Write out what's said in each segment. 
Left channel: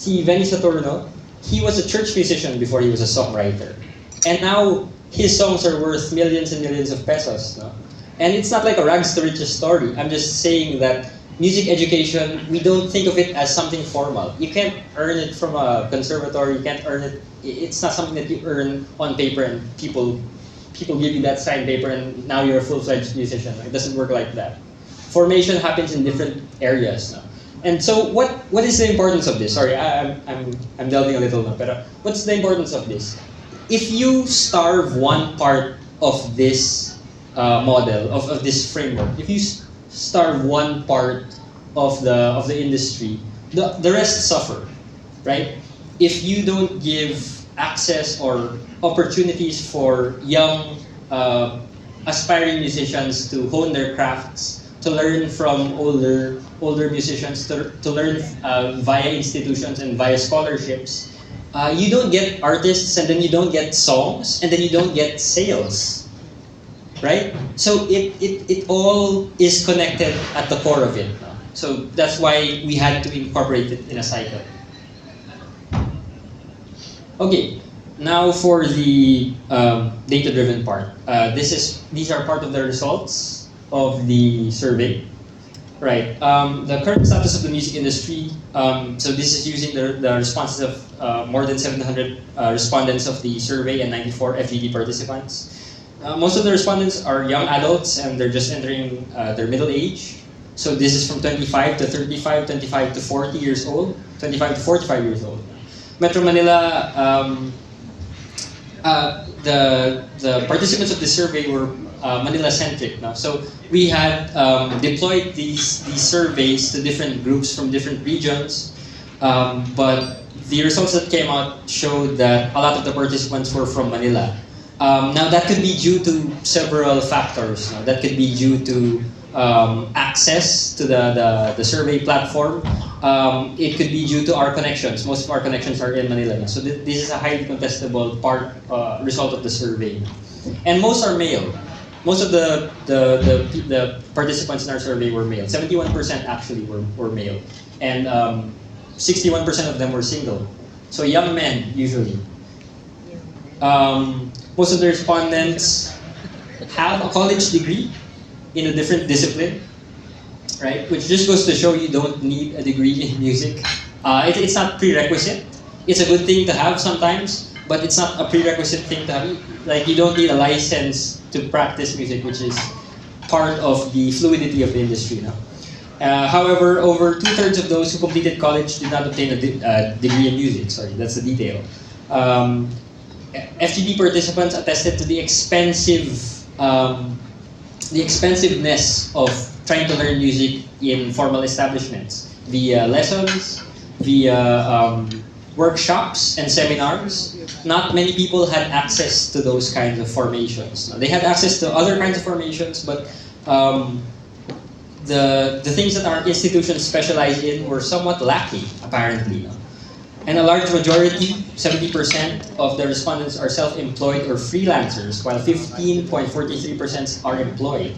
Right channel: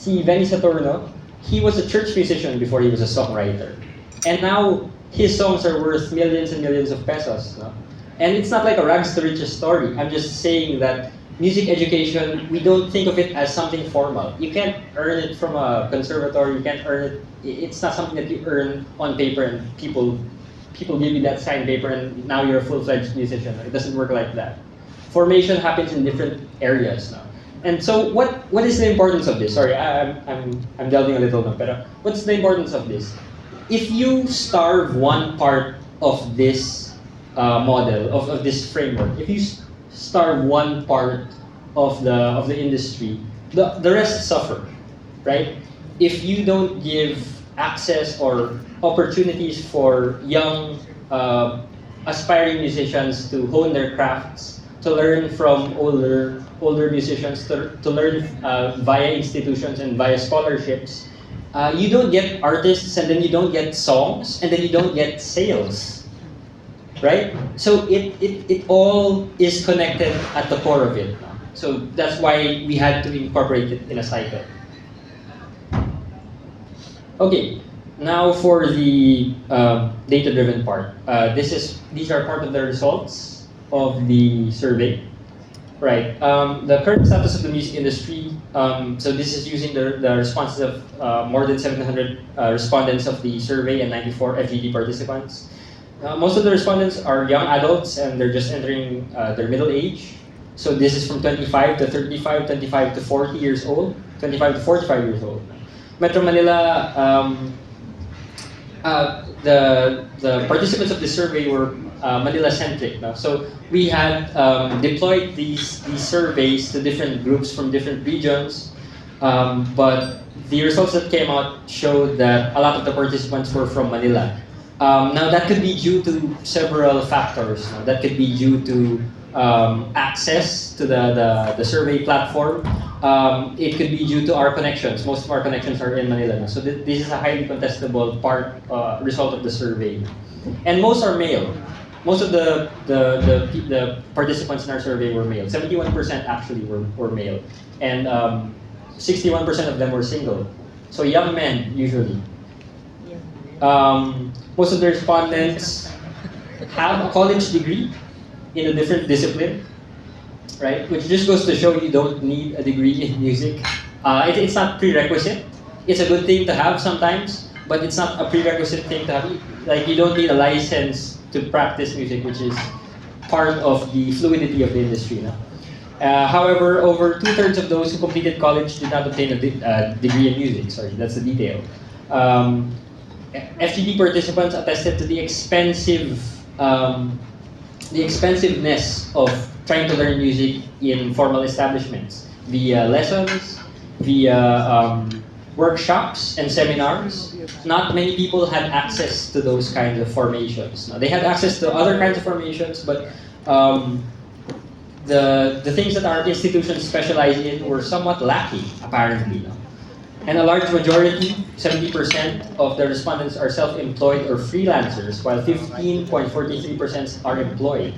Si Benny Saturno, he was a church musician before he was a songwriter. And now, his songs are worth millions and millions of pesos. No? And it's not like a rags to riches story. I'm just saying that music education, we don't think of it as something formal. You can't earn it from a conservatory. You can't earn it. It's not something that you earn on paper and people give you that signed paper and now you're a full-fledged musician. It doesn't work like that. Formation happens in different areas now. And so what is the importance of this? Sorry, I'm delving a little now, but what's the importance of this? If you starve one part of this model, of this framework, if you starve one part of the industry, the rest suffer, right? If you don't give access or opportunities for young aspiring musicians to hone their crafts, to learn from older musicians, to learn via institutions and via scholarships, you don't get artists, and then you don't get songs, and then you don't get sales, right? So it all is connected at the core of it. So that's why we had to incorporate it in a cycle. Okay, now for the data-driven part. These are part of the results of the survey. Right. The current status of the music industry. So this is using the responses of more than 700 respondents of the survey and 94 FGD participants. Most of the respondents are young adults and they're just entering their middle age. So this is from 25 to 35, 25 to 40 years old, 25 to 45 years old. Metro Manila, the participants of the survey were Manila-centric now. So we had deployed these surveys to different groups from different regions, but the results that came out showed that a lot of the participants were from Manila. Now that could be due to several factors. That could be due to access to the survey platform. It could be due to our connections. Most of our connections are in Manila. So this is a highly contestable result of the survey. And most are male. Most of the participants in our survey were male. 71% actually were male. And 61% of them were single. So young men, usually. Most of the respondents have a college degree in a different discipline, right? Which just goes to show you don't need a degree in music. It's not prerequisite. It's a good thing to have sometimes, but it's not a prerequisite thing to have. Like, you don't need a license to practice music, which is part of the fluidity of the industry now. However, over 2/3 of those who completed college did not obtain a degree in music. Sorry, that's the detail. FGD participants attested to the expensiveness of trying to learn music in formal establishments via lessons, via workshops and seminars. Not many people had access to those kinds of formations. They had access to other kinds of formations, but the things that our institutions specialize in were somewhat lacking, apparently. And a large majority, 70% of the respondents are self-employed or freelancers, while 15.43% are employed.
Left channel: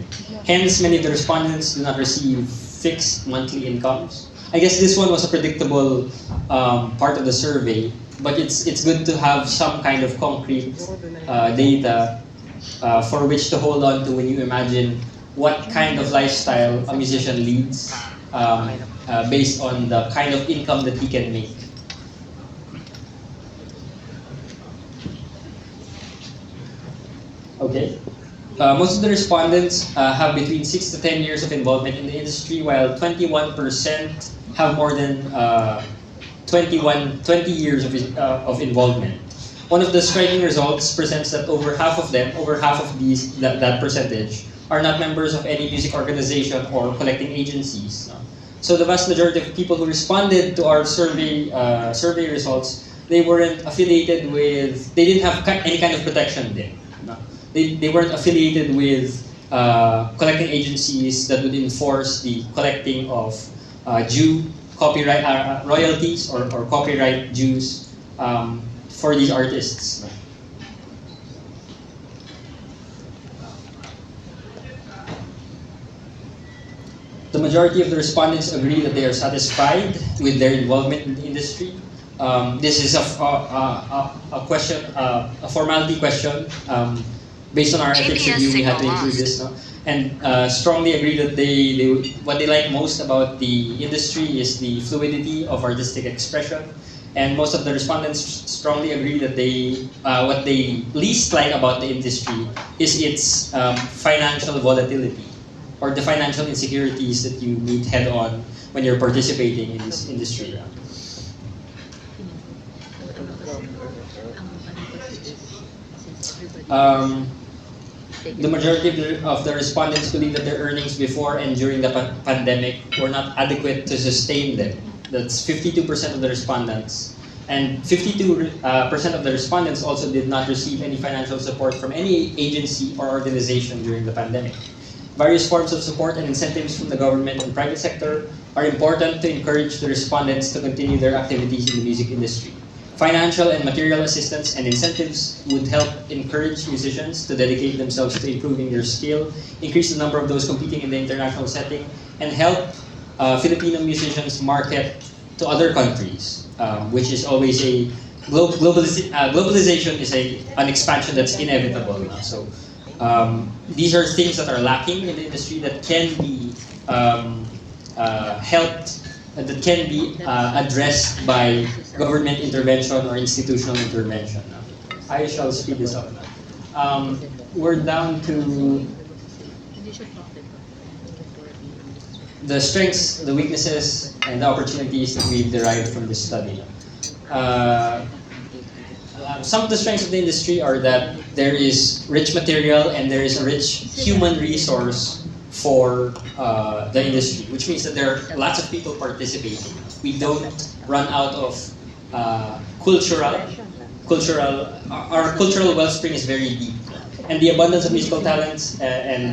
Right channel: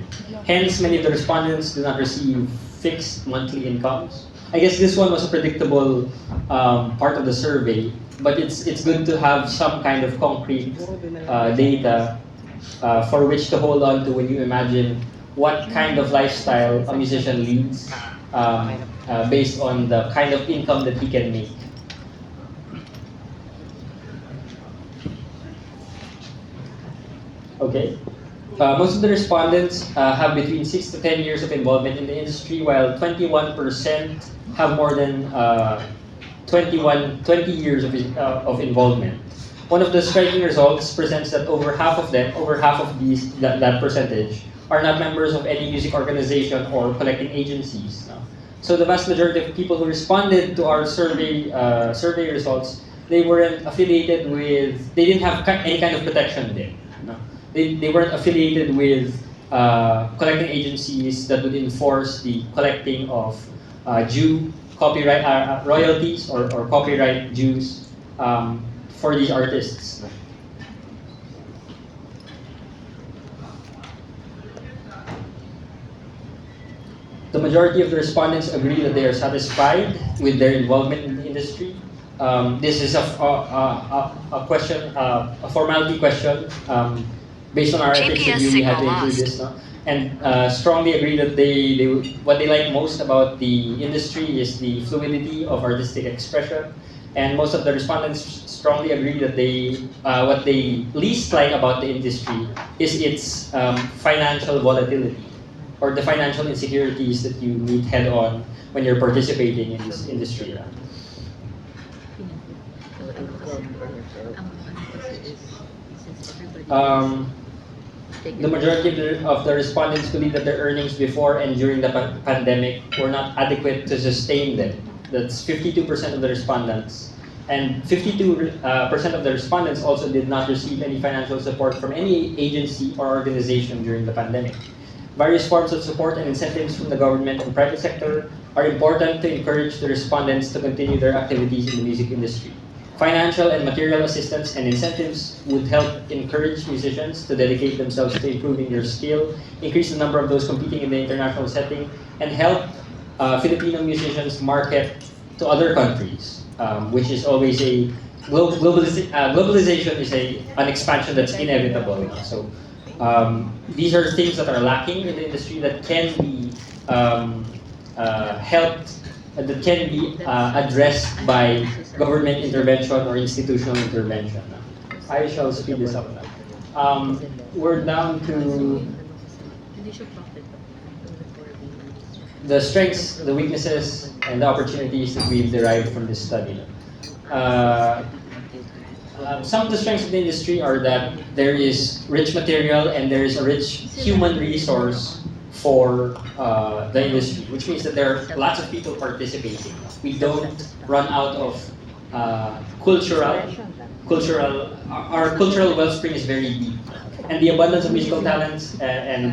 Hence, many of the respondents do not receive fixed monthly incomes. I guess this one was a predictable part of the survey, but it's good to have some kind of concrete data for which to hold on to when you imagine what kind of lifestyle a musician leads based on the kind of income that he can make. Okay. Most of the respondents have between 6 to 10 years of involvement in the industry, while 21% have more than 20 years of involvement. One of the striking results presents that over half of that percentage, are not members of any music organization or collecting agencies. So the vast majority of people who responded to our survey results, they weren't affiliated with, they didn't have any kind of protection there. They weren't affiliated with collecting agencies that would enforce the collecting of copyright royalties or copyright dues for these artists. The majority of the respondents agree that they are satisfied with their involvement in the industry. This is a question, a formality question. Based on our ethics review, we had to include this, no? And strongly agree that what they like most about the industry is the fluidity of artistic expression. And most of the respondents strongly agree that what they least like about the industry is its financial volatility, or the financial insecurities that you meet head on when you're participating in this industry. The majority of the respondents believe that their earnings before and during the pandemic were not adequate to sustain them. That's 52% of the respondents. And 52% of the respondents also did not receive any financial support from any agency or organization during the pandemic. Various forms of support and incentives from the government and private sector are important to encourage the respondents to continue their activities in the music industry. Financial and material assistance and incentives would help encourage musicians to dedicate themselves to improving their skill, increase the number of those competing in the international setting, and help Filipino musicians market to other countries, which is always a globalization is an expansion that's inevitable. So these are things that are lacking in the industry that can be helped, that can be addressed by government intervention or institutional intervention. I shall speed this up now. We're down to the strengths, the weaknesses, and the opportunities that we've derived from this study. Some of the strengths of the industry are that there is rich material and there is a rich human resource for the industry, which means that there are lots of people participating. We don't run out of our cultural wellspring is very deep. And the abundance of musical talents and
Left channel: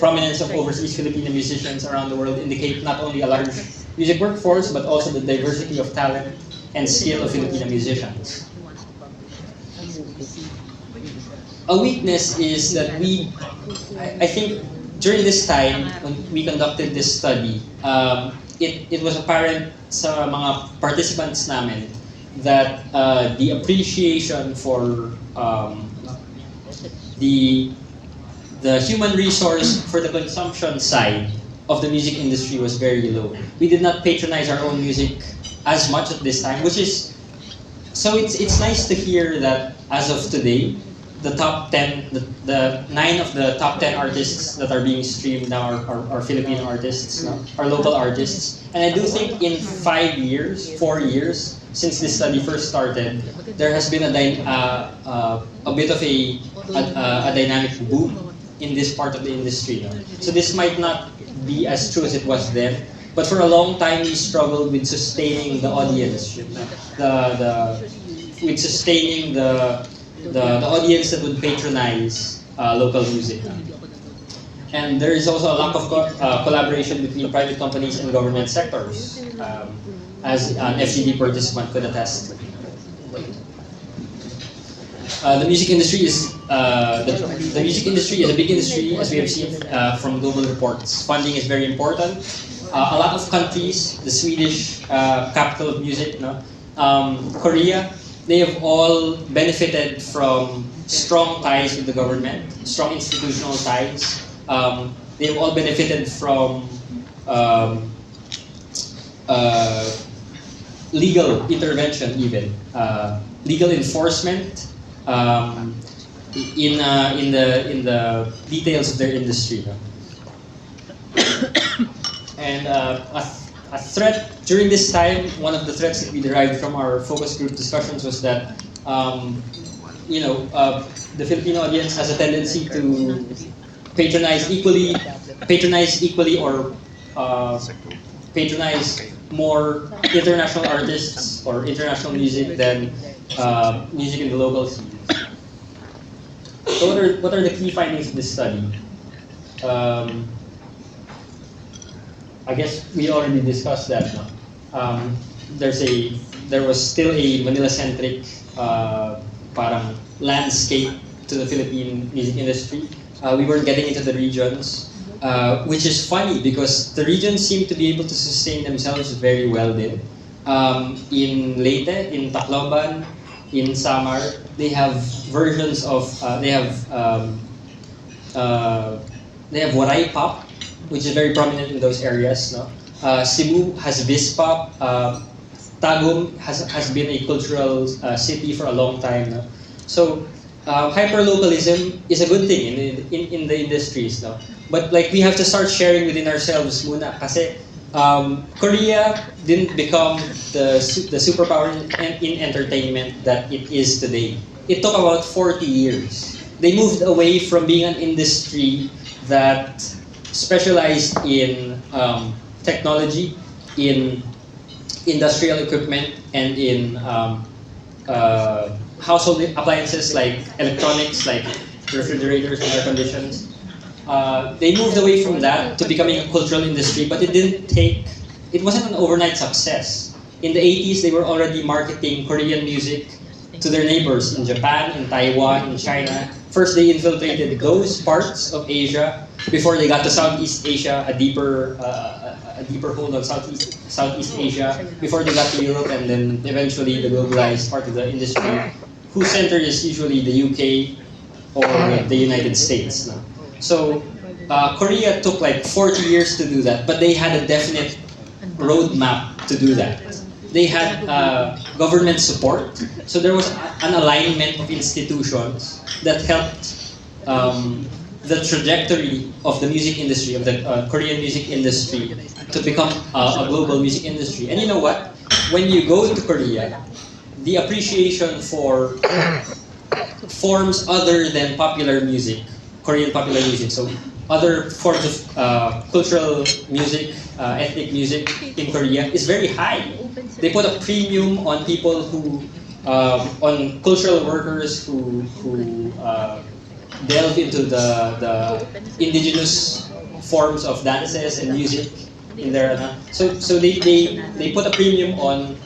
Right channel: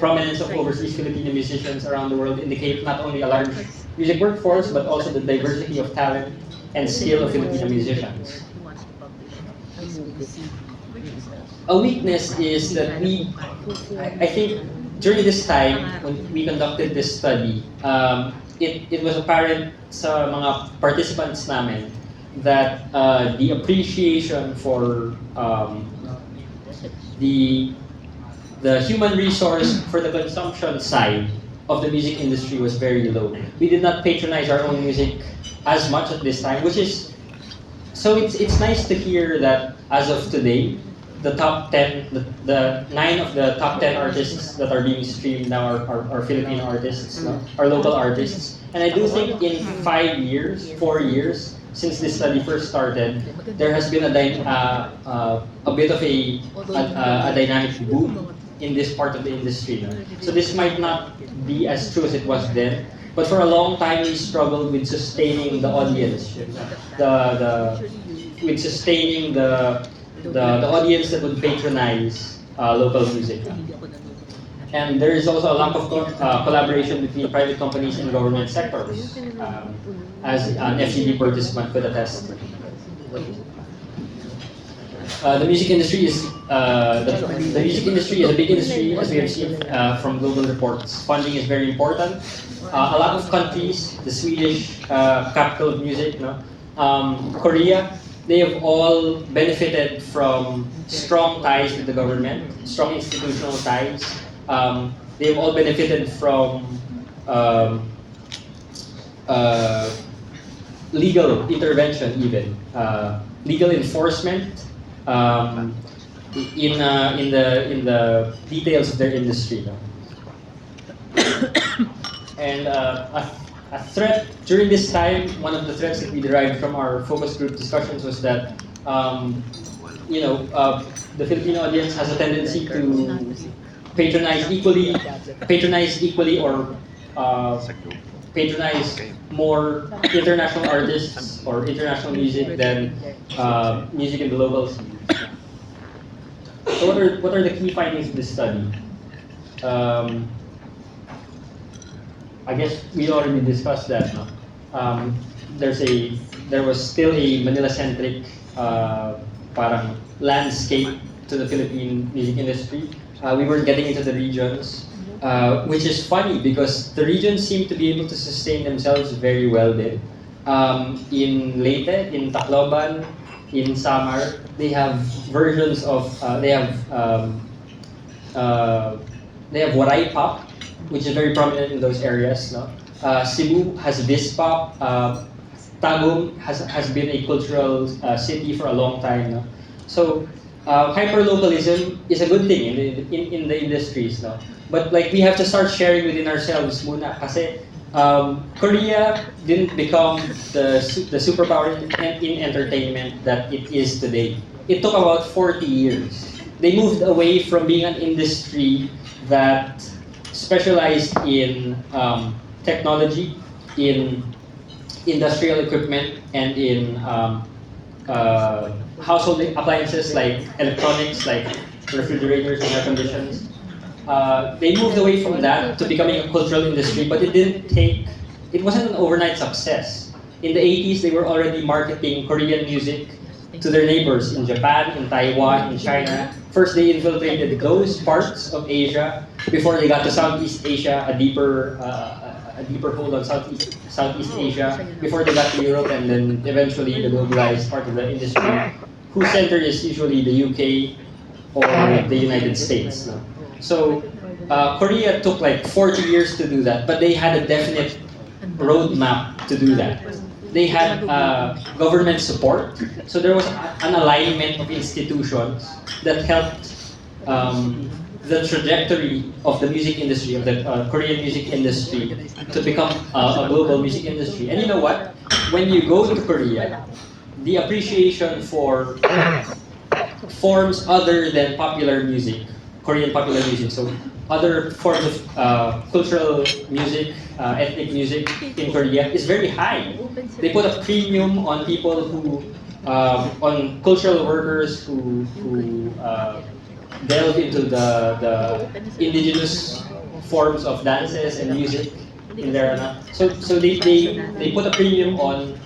prominence of overseas Filipino musicians around the world indicate not only a large music workforce, but also the diversity of talent and skill of Filipino musicians. A weakness is that I think during this time, when we conducted this study, it was apparent sa mga participants namin that the appreciation for the human resource for the consumption side of the music industry was very low. We did not patronize our own music as much at this time, which is so it's nice to hear that as of today, the top 10, the 9 of the top 10 artists that are being streamed now are Filipino artists, are local artists. And I do think in 4 years, since this study first started, there has been a bit of a dynamic boom in this part of the industry. So this might not be as true as it was then, but for a long time we struggled with sustaining the audience, with sustaining the audience that would patronize local music. And there is also a lack of collaboration between private companies and government sectors, as an FGD participant could attest. The music industry is the music industry is a big industry, as we have seen from global reports. Funding is very important. A lot of countries, the Swedish capital of music, Korea, they have all benefited from strong ties with the government, strong institutional ties. They have all benefited from legal intervention, even legal enforcement in the details of their industry. And a threat during this time, one of the threats that we derived from our focus group discussions was that the Filipino audience has a tendency to patronize equally or patronize more international artists or international music than music in the local scene. So what are the key findings of this study? I guess we already discussed that. No? There was still a Manila-centric parang landscape to the Philippine music industry. We weren't getting into the regions, which is funny because the regions seem to be able to sustain themselves very well then. in Leyte, in Tacloban, in Samar, they have versions of they have Waray pop, which is very prominent in those areas. No, Cebu has Vis pop. Tagum has been a cultural city for a long time. No? So hyperlocalism is a good thing in the industries. No? But like we have to start sharing within ourselves muna kasi Korea didn't become the superpower in entertainment that it is today. It took about 40 years. They moved away from being an industry that specialized in technology, in industrial equipment, and in household appliances like electronics, like refrigerators and air conditions. They moved away from that to becoming a cultural industry, but it wasn't an overnight success. In the 80s, they were already marketing Korean music to their neighbors in Japan, in Taiwan, in China. First, they infiltrated those parts of Asia before they got to Southeast Asia, a deeper hold on Southeast Asia, before they got to Europe, and then eventually the globalized part of the industry, whose center is usually the UK or the United States. No? So Korea took like 40 years to do that, but they had a definite roadmap to do that. They had government support, so there was an alignment of institutions that helped the trajectory of the music industry, of the Korean music industry, to become a global music industry. And you know what? When you go to Korea, the appreciation for forms other than popular music, Korean popular music, so other forms of cultural music, ethnic music in Korea is very high. They put a premium on people who, on cultural workers who delve into the indigenous forms of dances and music in there. So they put a premium on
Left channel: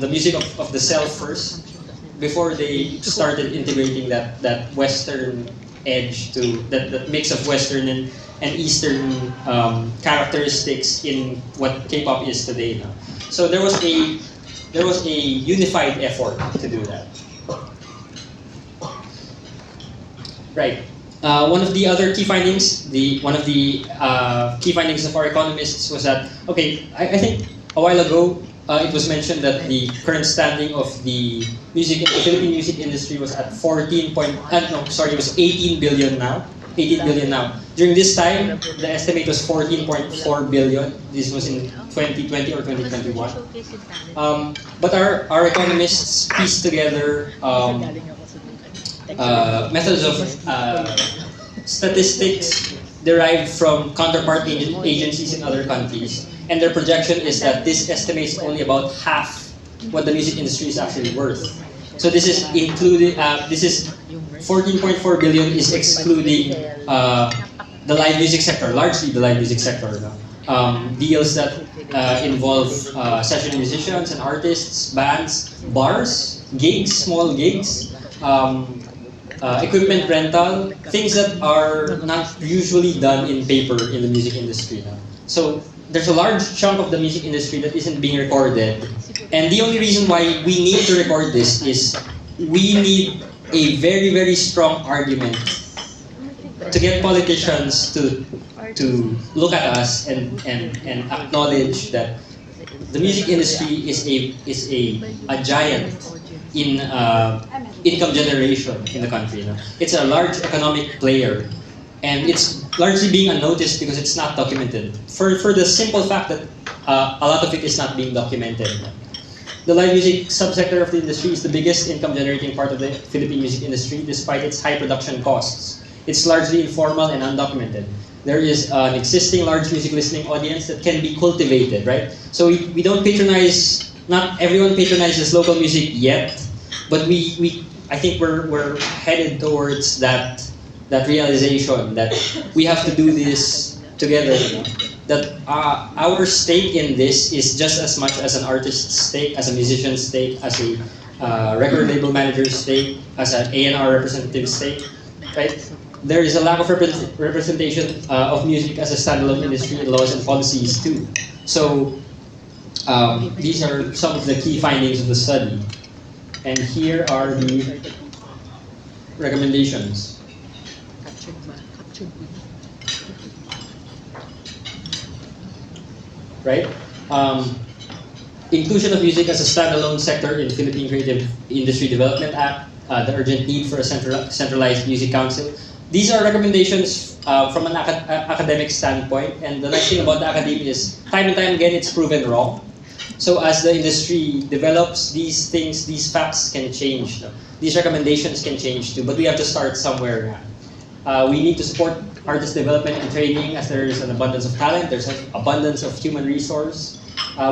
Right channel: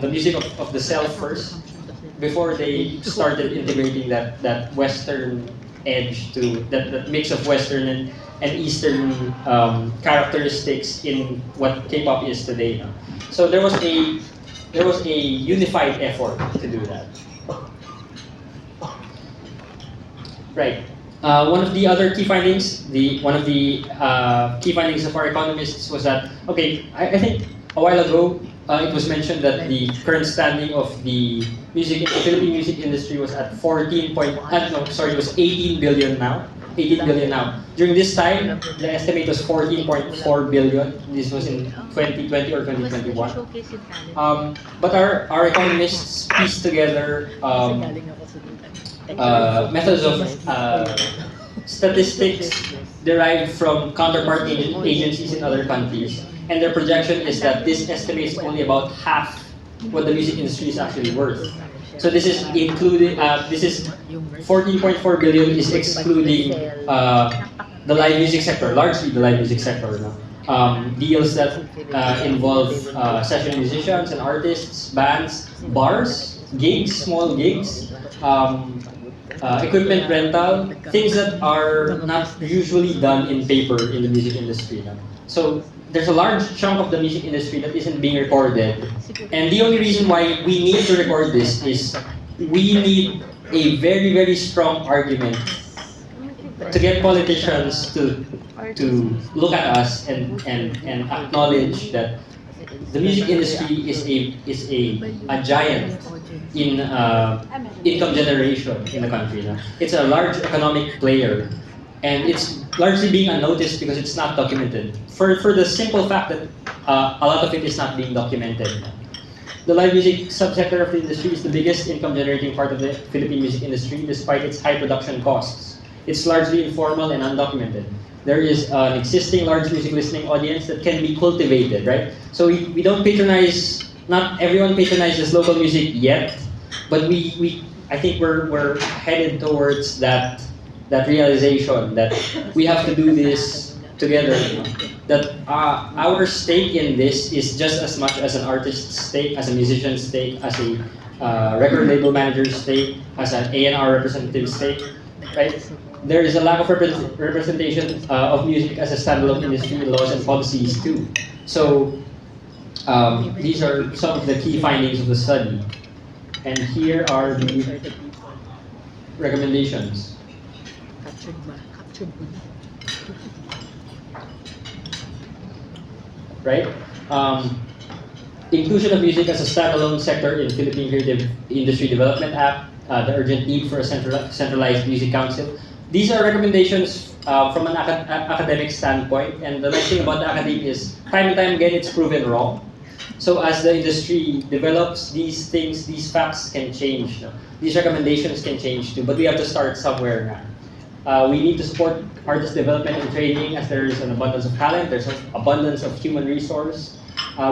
the music of the self first before they started integrating that Western edge to that mix of Western and Eastern characteristics in what K-pop is today. So there was a unified effort to do that. Right. One of the other key findings, one of the key findings of our economists was that, okay, I think a while ago it was mentioned that the current standing of the Philippine music industry was at 18 billion now. 18 billion now. During this time, the estimate was 14.4 billion. This was in 2020 or 2021. But our economists pieced together methods of statistics derived from counterpart agencies in other countries. And their projection is that this estimates only about half what the music industry is actually worth. So this is including, this is 14.4 billion is excluding the live music sector, largely the live music sector. Deals that involve session musicians and artists, bands, bars, gigs, small gigs, equipment rental, things that are not usually done in paper in the music industry. So there's a large chunk of the music industry that isn't being recorded. And the only reason why we need to record this is we need a very, very strong argument to get politicians to look at us and acknowledge that the music industry is a giant in income generation in the country. It's a large economic player, and it's largely being unnoticed because it's not documented. For the simple fact that a lot of it is not being documented. The live music subsector of the industry is the biggest income generating part of the Philippine music industry despite its high production costs. It's largely informal and undocumented. There is an existing large music listening audience that can be cultivated, right? So we don't patronize, not everyone patronizes local music yet, but I think we're headed towards that realization that we have to do this together. That our stake in this is just as much as an artist's stake, as a musician's stake, as a record label manager's stake, as an A&R representative's stake, right? There is a lack of representation of music as a standalone industry in laws and policies too. So These are some of the key findings of the study. And here are the recommendations. Right? Inclusion of music as a standalone sector in Philippine Creative Industry Development Act, the urgent need for a centralized music council. These are recommendations from an academic standpoint, and the nice thing about the academia is time and time again it's proven wrong. So as the industry develops, these things, these facts can change. No? These recommendations can change too, but we have to start somewhere. We need to support artist development and training as there is an abundance of talent, there's an abundance of human resource.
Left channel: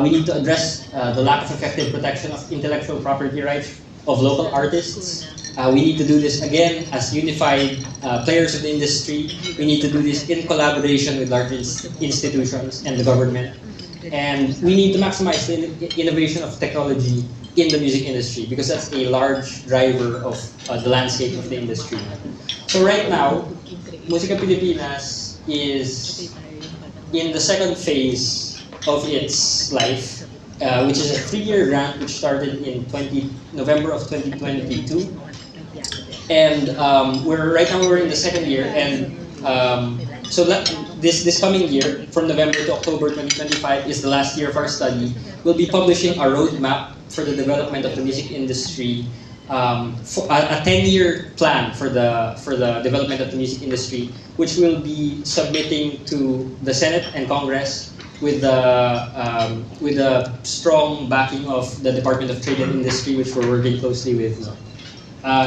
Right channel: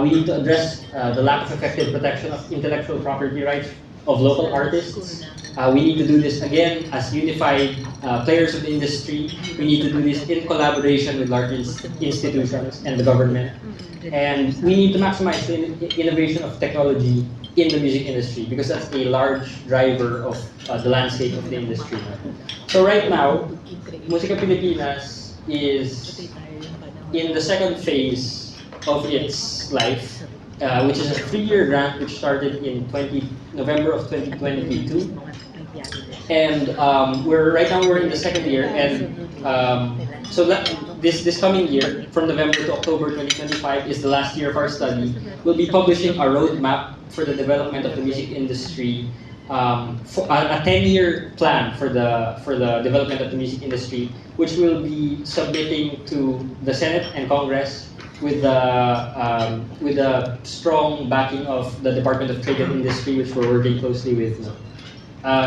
We need to address the lack of effective protection of intellectual property rights of local artists. We need to do this again as unified players of the industry. We need to do this in collaboration with large institutions and the government. And we need to maximize the innovation of technology in the music industry because that's a large driver of the landscape of the industry. So right now, Musika Pilipinas is in the second phase of its life, which is a 3-year grant which started in November of 2022. And right now we're in the second year, and so this coming year, from November to October 2025, is the last year of our study. We'll be publishing a roadmap for the development of the music industry, for a 10-year plan for the development of the music industry, which we'll be submitting to the Senate and Congress with the strong backing of the Department of Trade and Industry, which we're working closely with,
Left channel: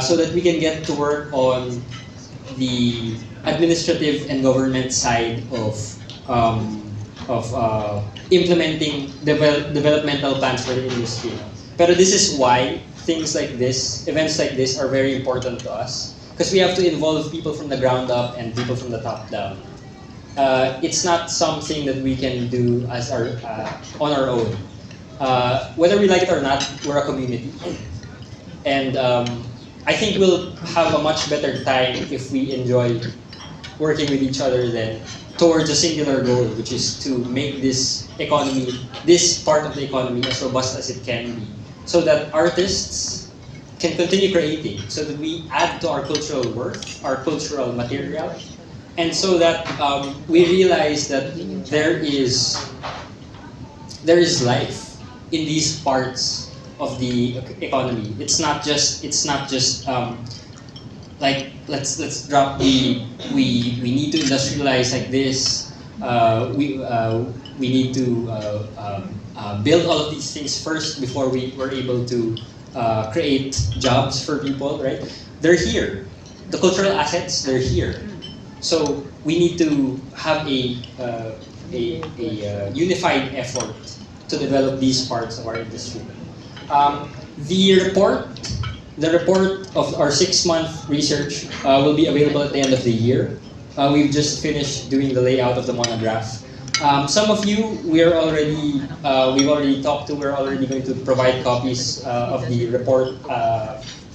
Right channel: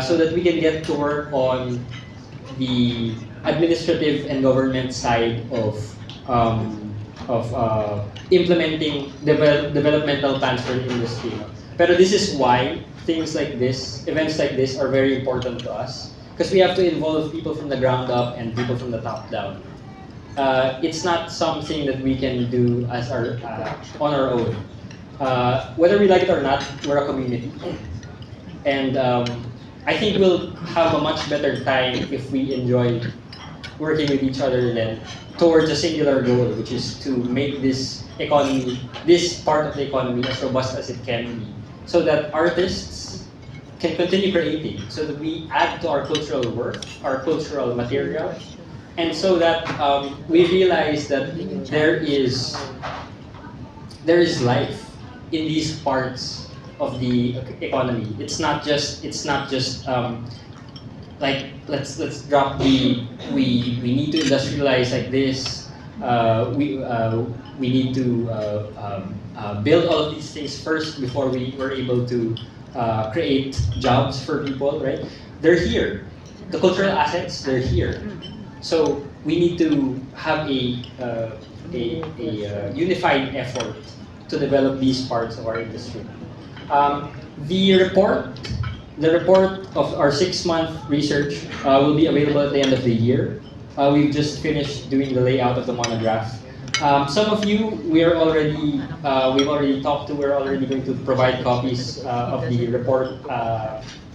so that we can get to work on the administrative and government side of implementing developmental plans for the industry. But this is why things like this, events like this, are very important to us, because we have to involve people from the ground up and people from the top down. It's not something that we can do as on our own. Whether we like it or not, we're a community, and I think we'll have a much better time if we enjoy working with each other then towards a singular goal, which is to make this economy, this part of the economy, as robust as it can be, so that artists can continue creating, so that we add to our cultural worth, our cultural material, and so that we realize that there is life in these parts of the economy. It's not just like let's drop we need to industrialize like this. We need to build all of these things first before we were able to create jobs for people. Right? They're here. The cultural assets, they're here. So we need to have a unified effort to develop these parts of our industry. The report of our 6-month research will be available at the end of the year. We've just finished doing the layout of the monograph. Some of you we've already talked to. We're already going to provide copies of the report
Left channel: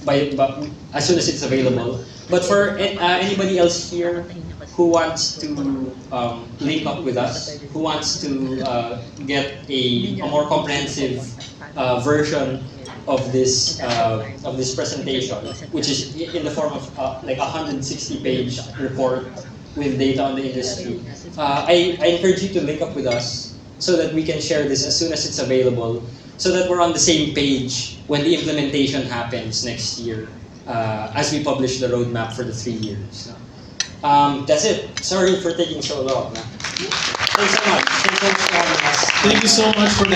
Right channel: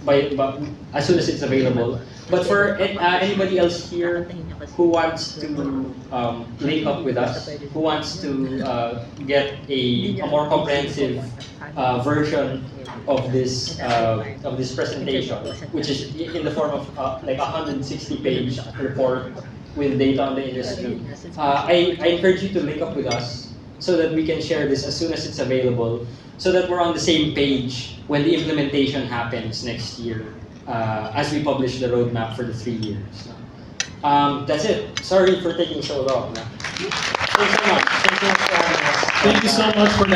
as soon as it's available. But for anybody else here who wants to link up with us, who wants to get a more comprehensive version of this presentation, which is in the form of like a 160-page report with data on the industry, I encourage you to link up with us so that we can share this as soon as it's available, so that we're on the same page when the implementation happens next year, as we publish the roadmap for the 3 years. That's it. Sorry for taking so long. Thanks so much. Thank you so much for that.